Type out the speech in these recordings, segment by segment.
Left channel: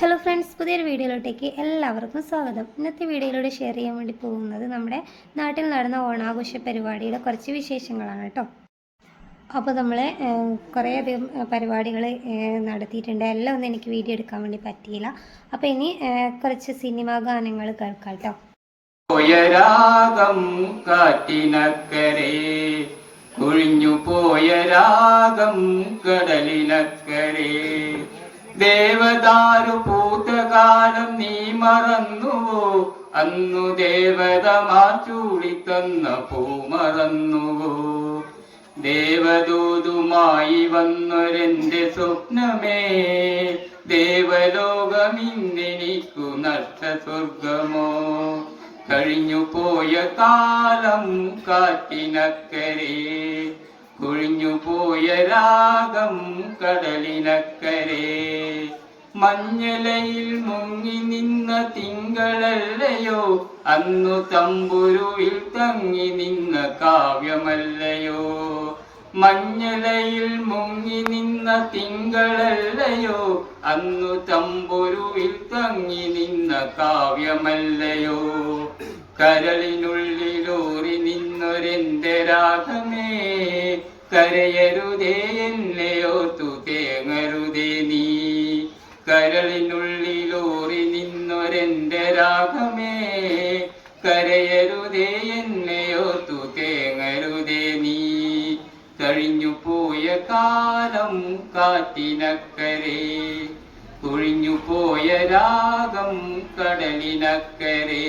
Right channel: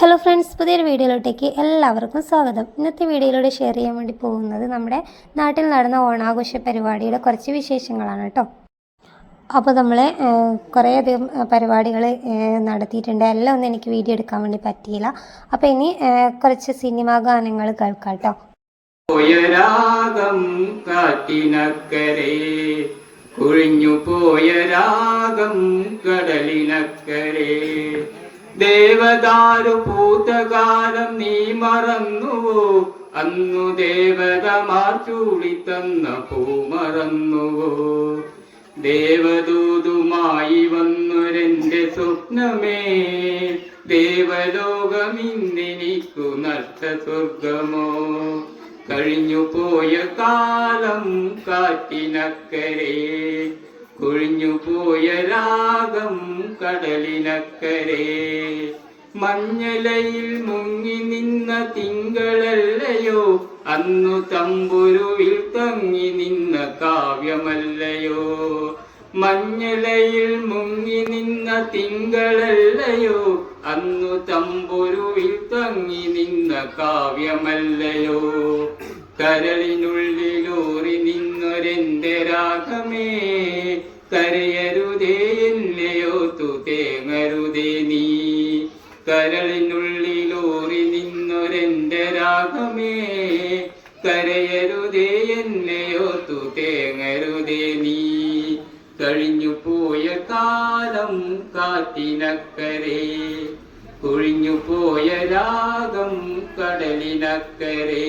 Hello friends, പുതിയൊരു വീഡിയോയിലോട്ടേക്ക് എല്ലാവർക്കും സ്വാഗതം. ഇന്നത്തെ വീഡിയോയിലൂടെ ഷെയർ ചെയ്യാൻ വേണ്ടി പോകുന്നത് നമ്മുടെ നാട്ടിൽ നടന്ന ഓണാഘോഷ പരിപാടിയുടെ കുറച്ച് വിശേഷങ്ങളാണ് കേട്ടോ. അപ്പോൾ നമ്മൾ കുറേയധികം പരിപാടികൾ നടത്തിയിട്ടുണ്ട്. എല്ലാം ഒന്നും എനിക്ക് വീഡിയോ എടുക്കാൻ വേണ്ടി പറ്റിയില്ല. അപ്പോൾ ഇനി കുറച്ച് സിനിമാ ഗാനങ്ങൾ കേൾക്കാം കേട്ടോ. കുഴിഞ്ഞു പോയ രാഗം കടലിനക്കരെ, ദേവദാരു പൂത്തകാലം നീ മറന്നുവോ? അന്നു ദേവതമാർ ചൂടിത്തന്ന പൂ മറന്നുവോ? ദേവദൂതുമായി വന്നൊരെന്റെ സ്വപ്നമേ, ദേവലോകമിന്നെനിക്കു നഷ്ട സ്വർഗമോ? കഴിഞ്ഞു പോയ കാലം കാറ്റിനക്കരെ, കുഴിഞ്ഞു പോയ രാഗം കടലിനക്കരെ, മഞ്ഞലയിൽ മുങ്ങി നിന്ന തിങ്കളല്ലയോ? അന്നു തമ്പുരുവിൽ തങ്ങി നിന്ന കാവ്യമല്ലയോ? മഞ്ഞലയിൽ മുങ്ങി നിന്ന തിങ്കളല്ലയോ? അന്നു തമ്പുരുവിൽ തങ്ങി നിന്ന കാവ്യമല്ലയോ? കരളിനുള്ളിലൂറി നിന്നൊരെന്റെ രാഗമേ, കരയരുതേ എന്നെയോർത്തു തേങ്ങരുതേ നീ. കരളിനുള്ളിലൂറി നിന്നൊരെന്റെ രാഗമേ, കരയരുതേ എന്നെയോർത്തു തേങ്ങരുതേ നീ. കഴിഞ്ഞു പോയ കാലം കാറ്റിനക്കരെ, കുഴിഞ്ഞു പോയ രാഗം കടലിനക്കരെ.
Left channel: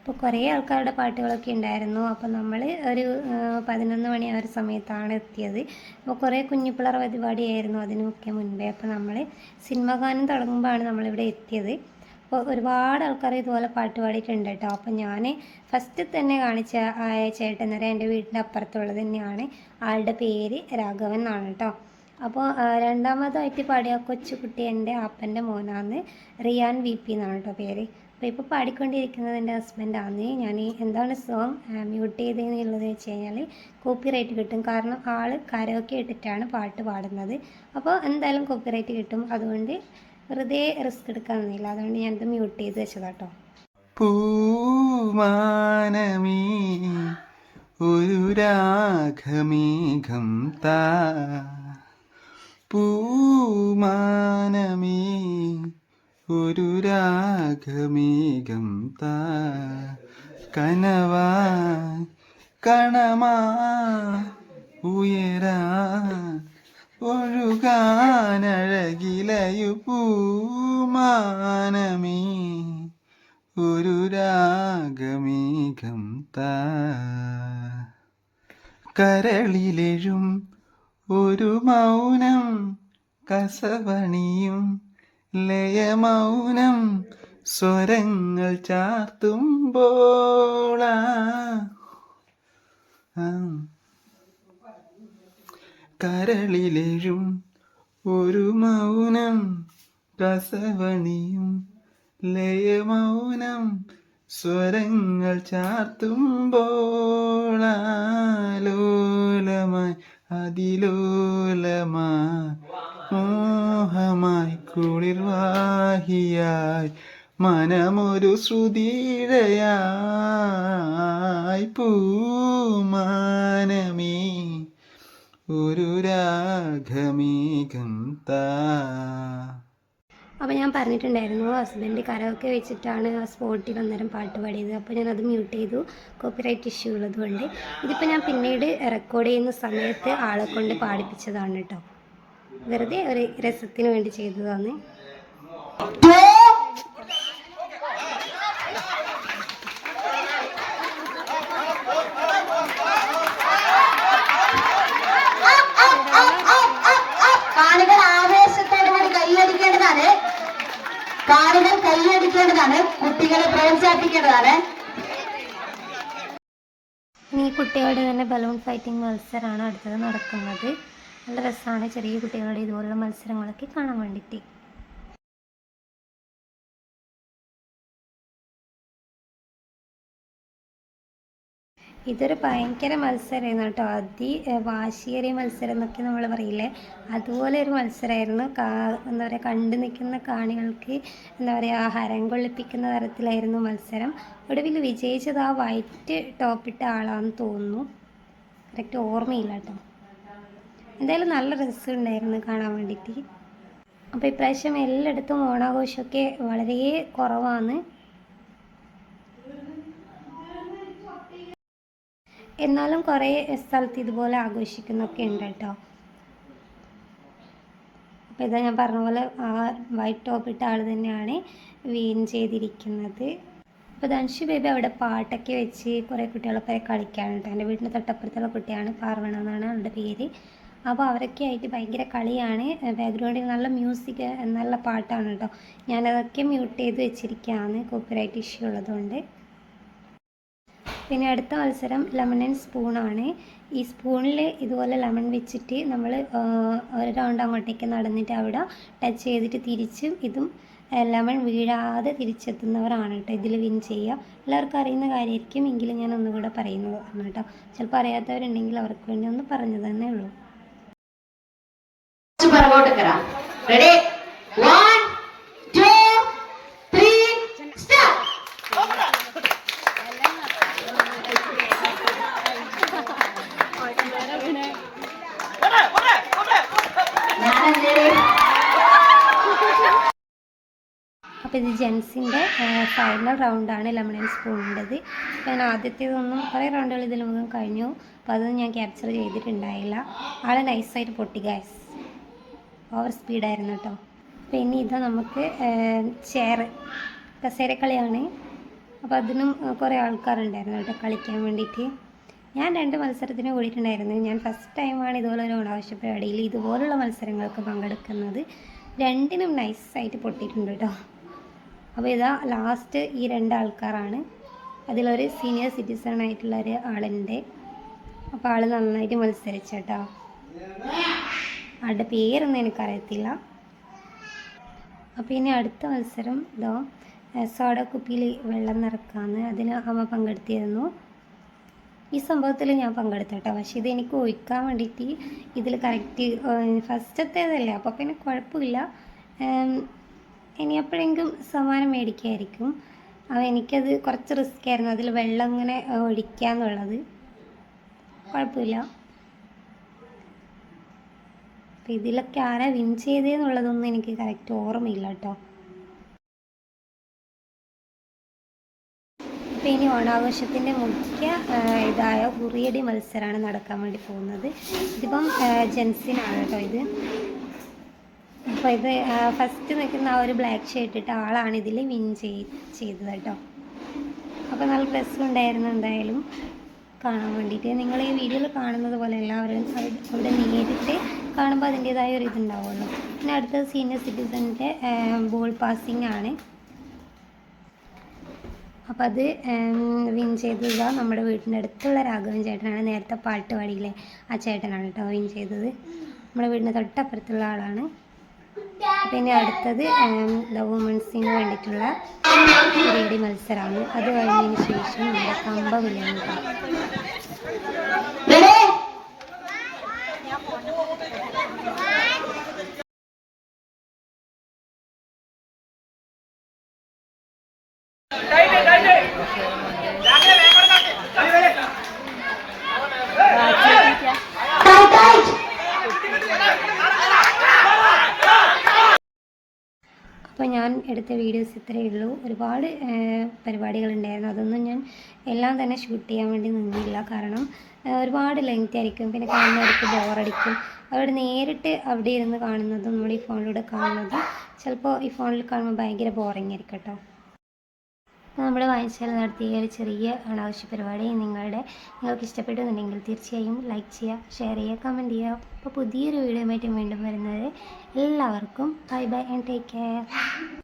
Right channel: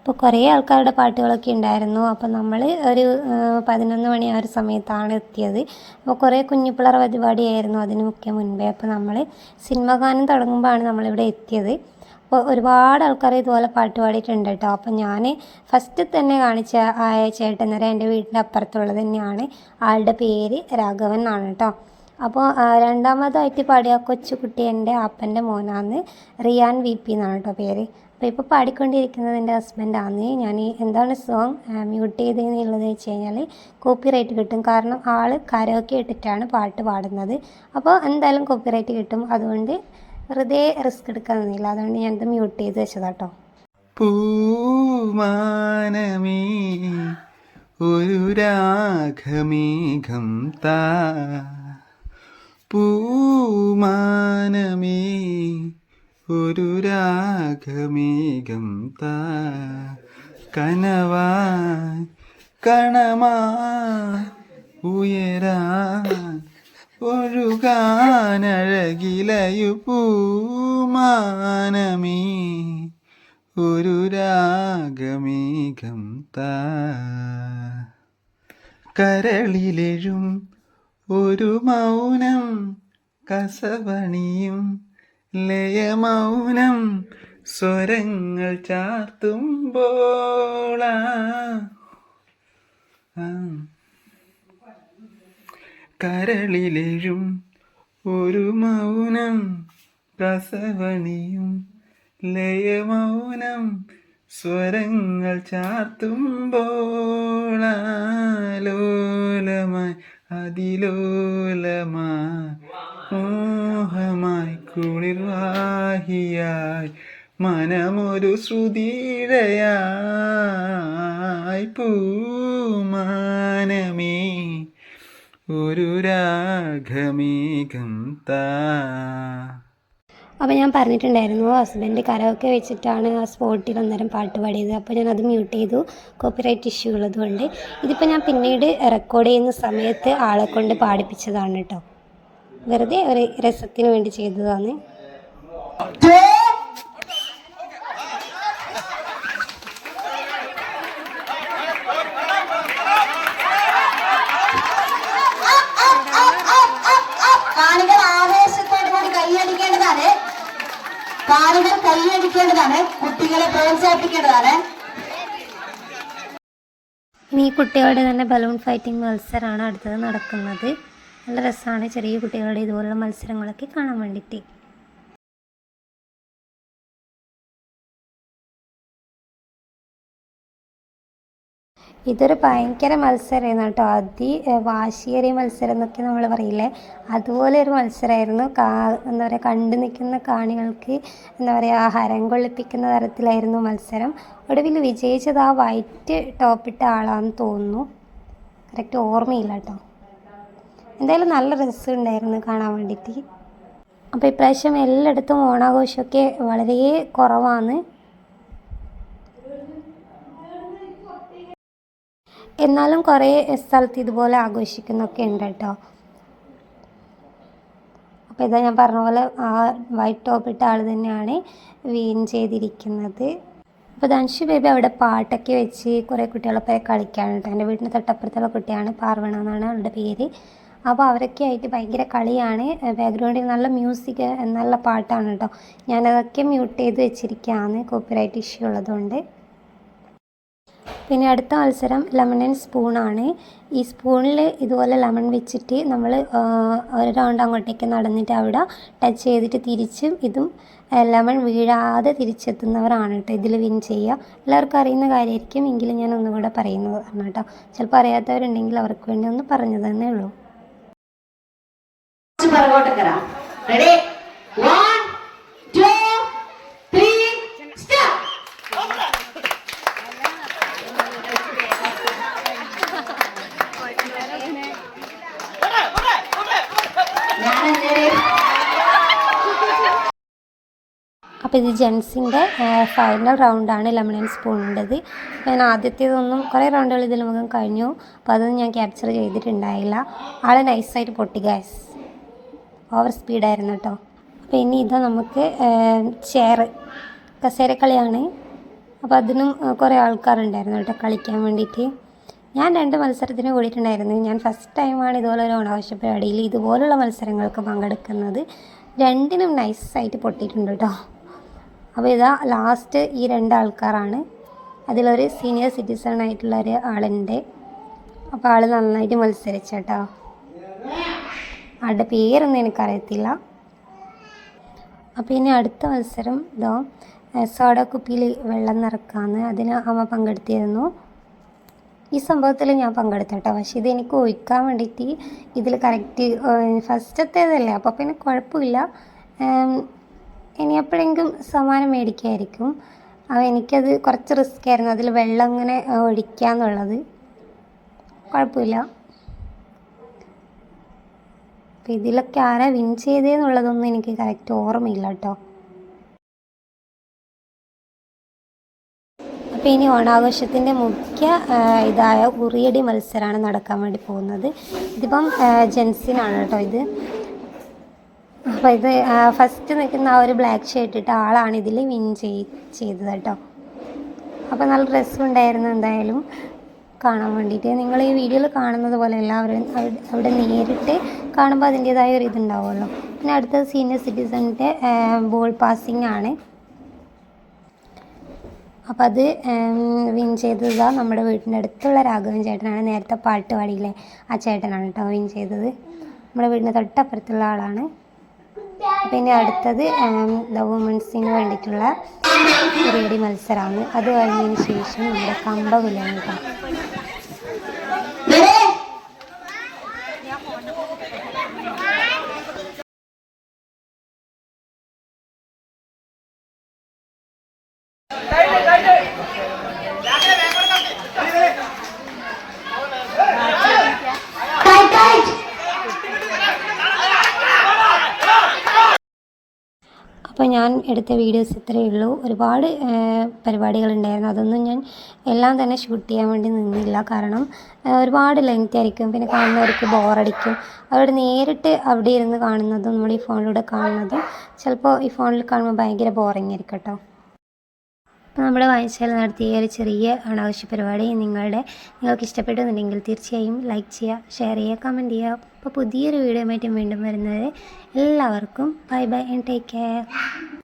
അപ്പോൾ കുറേ ആൾക്കാരുടെ പാട്ടുകളൊക്കെ ഉണ്ടായിരുന്നു. അപ്പോൾ നമ്മൾ ഒരു 11 മണി ആ ഒരു സമയത്താണ് എത്തിയത്. അപ്പോൾ കുറേ കുഞ്ഞിപ്പിള്ളർ പരിപാടിയായിരുന്നു അതിനൊക്കെ മുൻപേ. അപ്പോൾ നമ്മൾ സിനിമ ഗാനം തുടങ്ങുമ്പോഴാണ് നമ്മളിവിടെ എത്തിയത്. അപ്പോൾ ഒരുപാട് ആൾക്കാർ ഇതുപോലെ പാട്ട് പാടിയിട്ടുണ്ട് കേട്ടോ. അപ്പോൾ ഞാൻ ഫസ്റ്റ് തന്നെ കാണിച്ച ആ ചേട്ടൻ നേരം എൻ്റെ വീടിൻ്റെ അപ്പുറത്തുള്ളത് തന്നെയാണ്. ആളുടെ പേര് രാഘവൻ എന്നാണ് കേട്ടോ. അപ്പോൾ രണ്ടാമതായിട്ട് പാടിയ കൊച്ചുകുട്ടി എൻ്റെ അപ്പൻ്റെ മോനാണ്. റിയാൻ VP എന്നാണ് കേട്ടോ പേര്. അപ്പോൾ ഇപ്പോൾ പാടിക്കൊണ്ടിരിക്കുന്നത് എൻ്റെ ഹസ്ബൻഡാണ്. ഞാൻ എന്താണ് സോങ് മ്യൂട്ട് ചെയ്തതെന്നുള്ളത് വെച്ച് കഴിഞ്ഞാൽ കോപ്പിറൈറ്റ് കിട്ടും. കാരണം ആൾ കരോക്കെ ഇട്ടിട്ടാണ് പാട്ട് പാടുന്നത്. അപ്പോൾ എന്തായാലും കോപ്പിറൈറ്റ് കിട്ടും. അതുകൊണ്ട് വെറുതെ റിസ്ക് എടുക്കാനൊന്നുമില്ല. അതുകൊണ്ട് ഞാനിത് മ്യൂട്ട് ചെയ്ത് വെച്ചതാട്ടോ. പൂമാനമേ ഒരു രാഗമേഘം താ, പൂമാനമേ ഒരു രാഗമേഘം താ, കനവാ കണമാ ഉയരാ ഒഴുകാനഴകിലയു പൂമാനമേ ഒരു രാഗമേഘം താ. കരളിലെഴും ഒരു മൗനം കസവണിയും ലയമൗനം സ്വരങ്ങൾ ചാർത്തുമ്പോൾ കരളിലെഴും ഒരു മൗനം കസവണിയും ലയമൗനം സ്വരങ്ങൾ ചാർത്തുമ്പോൾ ആലോലമായി അതിലോലമായി കുളിർവാഹിയായി മനമൊരു ശ്രുതിയിഴയായി പൂമാനമേ ഒരു രാഗമേഘം താ. അപ്പോൾ ഞാൻ പറഞ്ഞിട്ടുണ്ടായിരുന്നു ഹസ്ബൻഡ് കരോക്കെ വെച്ചിട്ടാണ് ആ സ്പോട്ടിൽ അന്നേരം പാട്ട് പാടിയത്. അപ്പോൾ ഞാനത് മ്യൂട്ട് ചെയ്തു, കോപ്പിറൈറ്റ് ഇഷ്യൂ ഉള്ളതുകൊണ്ട്. ഇതിപ്പോൾ ഞാൻ പിന്നീട് റെക്കോർഡ് ചെയ്യുന്ന സമയത്ത് ആളെ കൊണ്ട് പാടിപ്പിച്ചതാണ് കേട്ടോ, വെറുതെ ഒരു രസത്തിന് വേണ്ടി ചെയ്തതാണ്. കാണികൾ കൈയടിക്കേണ്ടതാണ്, കുട്ടികളെ പ്രോത്സാഹിപ്പിക്കേണ്ടതാണ്. ഇനി ഈ കുട്ടികളുടെ തന്നെ ബലൂൺ ഫൈറ്റിംഗ് മത്സരമാണ് അടുത്തത് നടക്കുന്നത്. നല്ല രസമാണ് ചെറിയ കുട്ടികളുടെ ഇതുപോലുള്ള മത്സരങ്ങളൊക്കെ കാണാൻ വേണ്ടിയിട്ട്. ഇതൊരു ഭയങ്കര മത്സരമായിരുന്നു കേട്ടോ, വാശിയേറിയ മത്സരം എന്നൊക്കെ നമ്മൾ പറയില്ലേ, അതുപോലെ ഒരു മത്സരമായിരുന്നു. എന്താ പറയുക, കണ്ടു നിൽക്കുന്ന കാണികൾക്ക് എന്താ പറയുക, ഹരം കൊള്ളിപ്പിക്കുന്ന തരത്തിലായിരുന്നു മത്സരം. ഒടുവിൽ വിജയിച്ചത് ആ വൈറ്റ് ടോപ്പിട്ട ആളാണെന്ന് തോന്നുന്നു, കറക്റ്റ് ഓർമ്മയില്ല കേട്ടോ. എന്തായാലും നല്ല രസമുണ്ടായിരുന്നു കാണാൻ വേണ്ടിയിട്ട്. അപ്പോൾ ഇപ്രാവശ്യം എല്ലായിടത്തും ഓണാഘോഷമൊക്കെ വളരെ കുറവാണ്. എന്നാലും കുറേ സ്ഥലത്ത് ഇതുപോലെ ആഘോഷിക്കുന്നൊക്കെ ഉണ്ട് കേട്ടോ. അപ്പോൾ ഇതാ ഞാൻ പറഞ്ഞ പോലെ ആ വൈറ്റ് ടോപ്പിട്ട ആൾ തന്നെയാണ് വിൻ ചെയ്തിരിക്കുന്നത്. അപ്പോൾ ധൻഷു ബേബി അവിടെ പാട്ടൊക്കെ വെച്ച് കുറേ കുട്ടികളൊക്കെ കളിക്കാണ് കേട്ടോ. എൻ്റെ വീടിൻ്റെ തൊട്ടപ്പുറത്തുള്ള കുട്ടിയാണ്, പാർവണ എന്നാണ് അവളുടെ പേര്. അപ്പോൾ അവരൊക്കെ ആയിട്ട് ഭയങ്കര കളിയാണ്. ബാക്ക്ഗ്രൗണ്ടിൽ നല്ല മ്യൂസിക്, നല്ല പാട്ടാണ് കേട്ടോ. ഞാനതൊക്കെ മ്യൂട്ട് ചെയ്ത് വെച്ചിരിക്കുകയാണ്, കോപ്പിറൈറ്റ് ഇഷ്യൂ ഉള്ളതുകൊണ്ട്. പിന്നെ അടുത്ത മത്സരം ലെമൺ ആൻഡ് സ്പൂണാണ്. ഈ സ്പൂണിൽ ഇതുപോലെ ലെമൺ വെച്ചിട്ട് നമ്മൾ ഒരു റൗണ്ട് അങ്ങോട്ടേക്ക് നടന്നിട്ട് അവിടെ ടച്ച് ചെയ്തിട്ട് തിരിച്ചും ഇതും ലെമൺ വീഴാതെ തിരിച്ചെത്തുന്നവരാണ് കേട്ടോ ഇതിൽ വിൻ ചെയ്യുക. എല്ലാവർക്കും അറിയുന്ന കാര്യമായിരിക്കും, എങ്കിലും ഞാൻ ഒന്നുകൂടെ പറയുന്നതാണ് കേട്ടോ. ചിലപ്പോൾ അറിയാത്തവരുണ്ടെങ്കിൽ അവർക്ക് വേണ്ടി ഒന്ന് പറഞ്ഞു തന്നേ ഉള്ളൂ. Ready 1 2 3 start. അപ്പോൾ ഇത് ജെൻസിൻ്റെ ഫൈനൽ റൗണ്ടാണ് ലെമൺ ആൻഡ് സ്പൂണിൻ്റെത്. ഞാൻ ആദ്യത്തേതൊന്നും കുറേ റൗണ്ടുകൾ ഇതിൽ മുഖം കഴിഞ്ഞു, അപ്പോൾ അതൊന്നും ഞാൻ ക്യാപ്ചർ ചെയ്തിട്ടുണ്ടായില്ല. ആൾ നൈസായിട്ട് പൊട്ടി ഗൈസ്, ഓവർ സ്പീഡായിരുന്നു കേട്ടോ. അപ്പോൾ ഇനി ഇതാ നമുക്ക് കസേരക്കളിയാണ്. അപ്പോൾ അതിനും കുറേ ആൾക്കാരുണ്ടായിരുന്നു കേട്ടോ കളിക്കാൻ വേണ്ടിയിട്ട്. ഞാൻ 2 മത്സരത്തിന് കൂടിയിട്ടുണ്ടായിരുന്നു. ഞാൻ ഫസ്റ്റ് ടൈമാണ് ഇതുപോലെ ഒരു ഓണാഘോഷ പരിപാടിയിൽ ഇതുപോലുള്ള മത്സരങ്ങൾക്ക് പങ്കെടുക്കുന്നത്. 2നും നൈസായിട്ട് പൊട്ടിയിട്ടുണ്ട് കേട്ടോ. അപ്പോൾ ഇതാ ലാസ്റ്റ് ഈ 2 ആൾക്കാരാണ്. അതിലൊരു സീനിയർ സിറ്റിസൺ ആയിട്ടുള്ള ഒരു ആളുണ്ട്. അപ്പോൾ ആൾ നന്നായിട്ട് മത്സരിച്ചു കേട്ടോ. ആളുടെ പേരൊന്നും എനിക്കറിയത്തില്ല. അപ്പോൾ ഇനി അടുത്ത മത്സരം ഇതോ സോഡ കുപ്പിയിൽ വെള്ളം നിറക്കാമെന്ന്, അതിന് അമ്മ പങ്കെടുത്തിരുന്നു. ഈ സംഭവത്തിൽ ഞാൻ പങ്കെടുത്തു കേട്ടോ. പക്ഷേ ഇതെനിക്ക് ഒഴിക്കാൻ വേണ്ടിയിട്ട് ഇതിൽ കറക്റ്റ് ഫസ്റ്റത്തേതല്ലേ, അപ്പോൾ പിന്നെ കുഴപ്പമില്ല. ഇനി എപ്പോഴെങ്കിലും സമ്മാനം മേടിക്കായിരിക്കും. അപ്പോൾ എനിക്കത് കുറച്ച് റിസ്ക് ആയിരുന്നു, അതിൽ വെള്ളം ഇങ്ങനെ ഒഴിക്കുക എന്നുള്ളത്. കുഴപ്പമില്ല. അപ്പോൾ ഇതിലൊക്കെ ആരാ വിൻ ചെയ്തതെന്നുള്ളതൊന്നും എനിക്ക് കറക്റ്റ് ഓർമ്മയില്ല കേട്ടോ. അപ്പോൾ ഇനി ഓണാഘോഷത്തിൻ്റെ മുഖ്യ ഇതായ ഉറിയടി മത്സരമാണ് നടക്കാൻ വേണ്ടി പോകുന്നത്. ഇതിപ്പം ജെൻസിനാണ് കേട്ടോ ഇത്. അപ്പോൾ ഇത് ഫസ്റ്റ് നിൽക്കുന്ന ആ ഒരു ബ്ലാക്ക് ഷർട്ട് ഇട്ട ആളാണ് ഇതിൽ വിൻ ചെയ്തത് കേട്ടോ. അപ്പോൾ നല്ല രസമുണ്ടായിരുന്നു എന്തായാലും കാണാൻ വേണ്ടിയിട്ട്. നിങ്ങൾ ഈ വീഡിയോയിൽ കാണുന്നത് പോലെ എല്ലാവരും അവിടെ നേരിട്ട് കാണുമ്പോൾ അതിൻ്റേതായ ഒരു ഇതുണ്ടാവുമല്ലോ. പിന്നെ അടുത്തത് സീനിയർ സിറ്റിസൻ്റെ ബോൾ പാസിംഗ് ആണ്. അപ്പോൾ അത് വിൻ ചെയ്തത് നമ്മുടെ വീടിൻ്റെ അടുത്തുള്ള രാഘവൻ ചേട്ടനാണ്. നേരത്തെ പാട്ട് പാടിയില്ലേ ആ ചേട്ടനാണ് കേട്ടോ വിൻ ചെയ്തത്. നമ്മുടെ വീടിൻ്റെ തൊട്ടപ്പുറത്തുള്ള ആളാണ്. പിന്നെ അടുത്തത് വുമൻസിന് വേണ്ടിയിട്ടുള്ള പരിപാടി മത്സരമാണ്. അത് കഴിഞ്ഞതിന് ശേഷം നമ്മുടെ കമ്പവിലാണ് കേട്ടോ. അപ്പോൾ ഞാൻ എടുത്ത വീഡിയോസ് ഇത്രയേ ഉള്ളൂ. ഒരുപാട് പരിപാടികളുണ്ടായിരുന്നു. അതൊന്നും ഞാൻ എല്ലാം തന്നെ ഷൂട്ട് ചെയ്യാൻ വേണ്ടി നിന്നില്ല. കാരണം ഒരുപാട് ലെങ്ത് ആയിരിക്കും, പിന്നെ കാണുന്നവർക്ക് ബോറടിക്കും. അവിടെ നേരിട്ട് അവിടെ ഇരുന്ന് കാണുന്നതും നമ്മൾ ഈ ഫോണിലൂടെ കാണുന്നതും ചിലപ്പോൾ ഈ ഫോണിൽ കാണുമ്പോൾ ഭയങ്കര ബോറിംഗ് ആയിരിക്കും കേട്ടോ. അപ്പോൾ നമ്മുടെ വായനശാല നടത്തിയ ഒരു ചെറിയ അനാവശ്യ പരിപാടി നിങ്ങൾക്ക് ഇഷ്ടപ്പെട്ടുന്നുണ്ടെങ്കിൽ തീർച്ചയായും ലൈക്ക് ചെയ്യുക, ഷെയർ ചെയ്യുക, കമൻറ്റ് ചെയ്യുക. അപ്പോൾ പുതിയൊരു വീഡിയോ ആയിട്ട് വീണ്ടും വരുന്നത് എല്ലാവർക്കും bye bye and take care.